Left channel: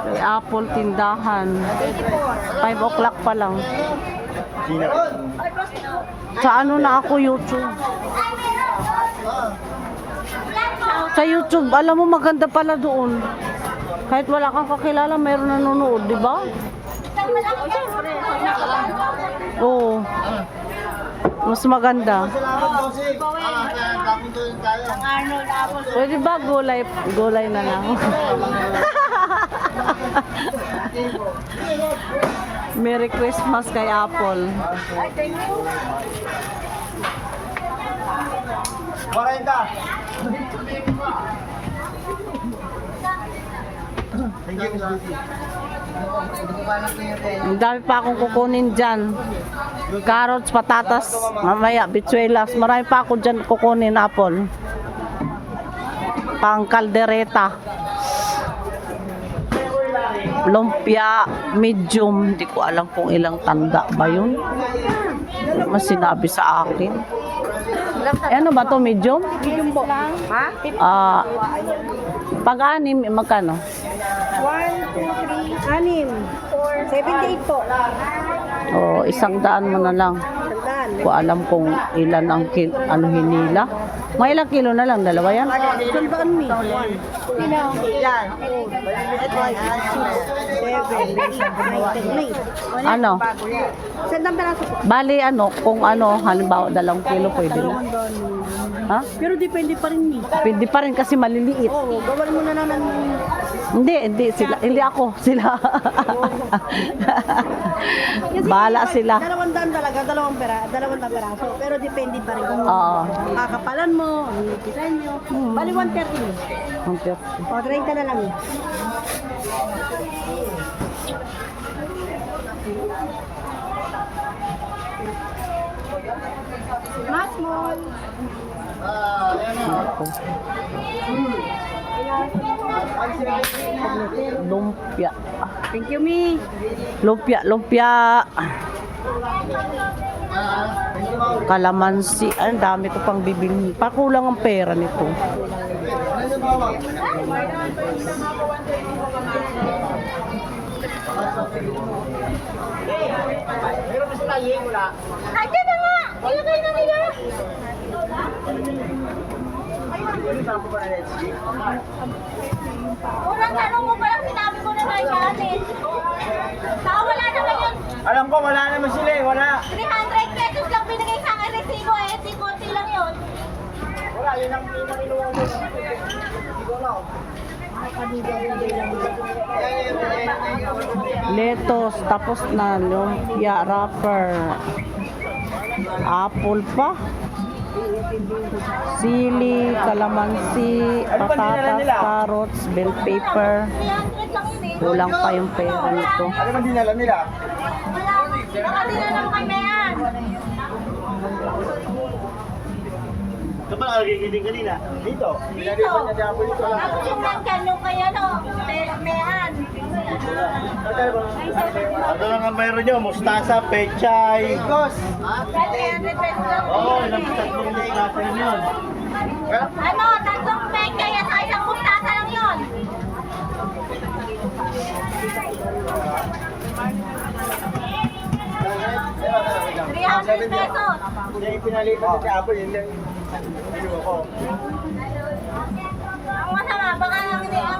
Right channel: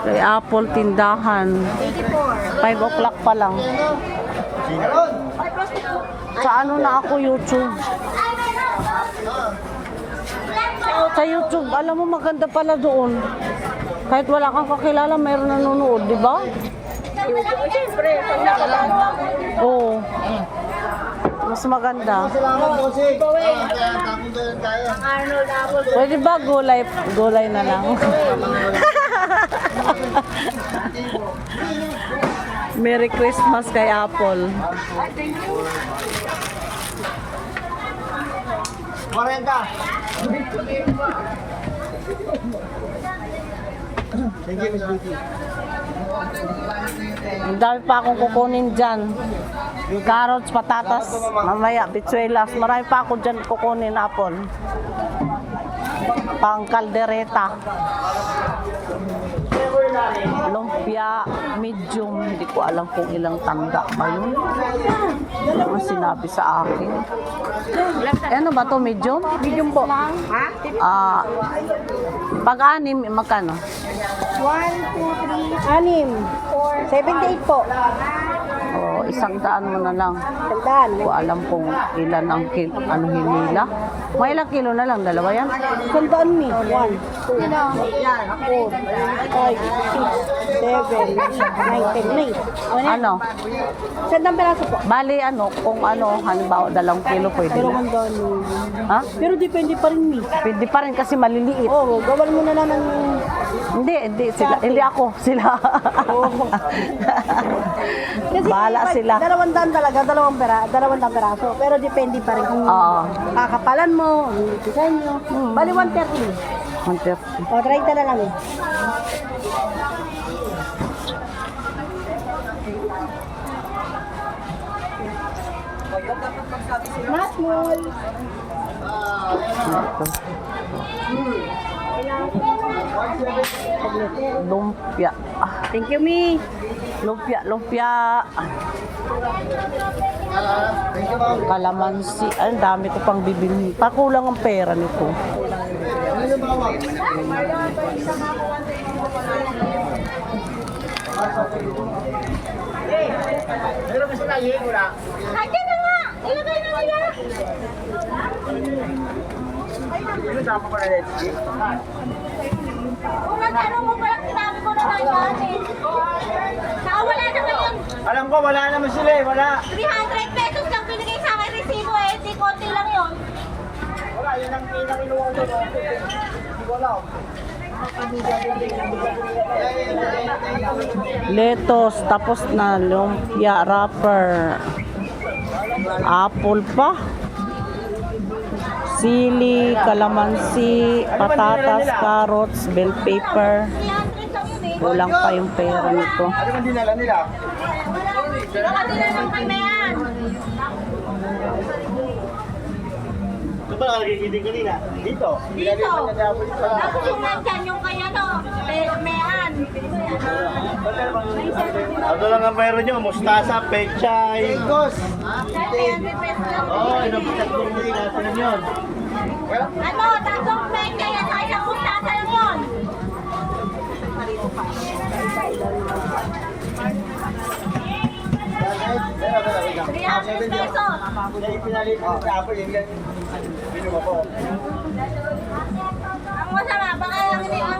Kay Apple tindahan. 5 o'clock pa lang. Sa ano na ako YouTube? Sa YouTube, alam mo maganda pala doon. Kahit wala kang kakilala, mayroon nanonood, di ba? Siyempre, pag nakalala. Oo. Mas maganda. Ang Arnold Apple. Pwede ba gulay na lang? Merry Christmas kay Apple. Ay, thank you. 40. Thank you, Miss Lucy. Ang dami pa akong kukunin dyan. Carrots, patatas, mamaya, bitsuelas. Marami pa ako dyan kukunin, Apple. Pang kaldereta. Lumpia, medium. Hindi ko alam kung ilang tanda ba yun. Mas sinabi sa akin. Ano ba to medium? Medium po. Ha? Pag-anim, magkano? 1, 2, 3, 6, 4, 78 po. O, 100 mo na lang. Tandaan. Hindi ko alam kung ilan ang hinila. Mga ilang kilo na lang, dalawa yan? 100 ni. 1, 2, 3, 4, 5, 6, 7, 8, 9, 10. Ano? Sandang peraso po. Bali ano, kung ano, halimbawa 2 kilo pwede na. Ha? Pero depende pa rin ni. Pwede pa rin kasi maliliit. Oo, gawan mo na lang ng... Hindi sila, hindi ako, sila. Bahala sila. 200 talaga, 200 peraso. Pero depende pa rin kung Oo. kakapalan mo, design nyo. Bali 130. 130. O, 30 na lang eh. Mas small. Lumpia. Thank you, Mi. Lumpia. Kalamansi. Ay, ang dami ko pang bibili. Pakulang ang pera nito. Nandiyan na nga! Ilagay na nila! Unang tanong mo palang sinabi ko na kayo natin. Saka wala naman yun. Alam ko, wala naman sila eh. Wala. 300 pesos lang binigay sa akin resibo eh. Di konti lang yun. Wala, yun ang inuwa ko. Hindi ko alam. Lettuce, tapos na lumpia wrapper. Apple pa. Sili, kalamansi, patatas, carrots, bell pepper. 300 lang yun eh. Kulang pa yung pera nito. Ano man dinala nila? Nakatila ng kamehan. Ito ba nakagigiting kanina? Dito. Dito. Tapos yung nandyan yung kanya no. Mehan. Ano lang ang mayroon nyo? Mustasa, pechay. Bigos. 300 pesos lang. Oo, ilang tatlong day nasa yun. Ano, tatlong peke yan sa isang bustasa lang yun. $300 pesos. Yung pinalitan sa Apo, yun yung binuwa ko.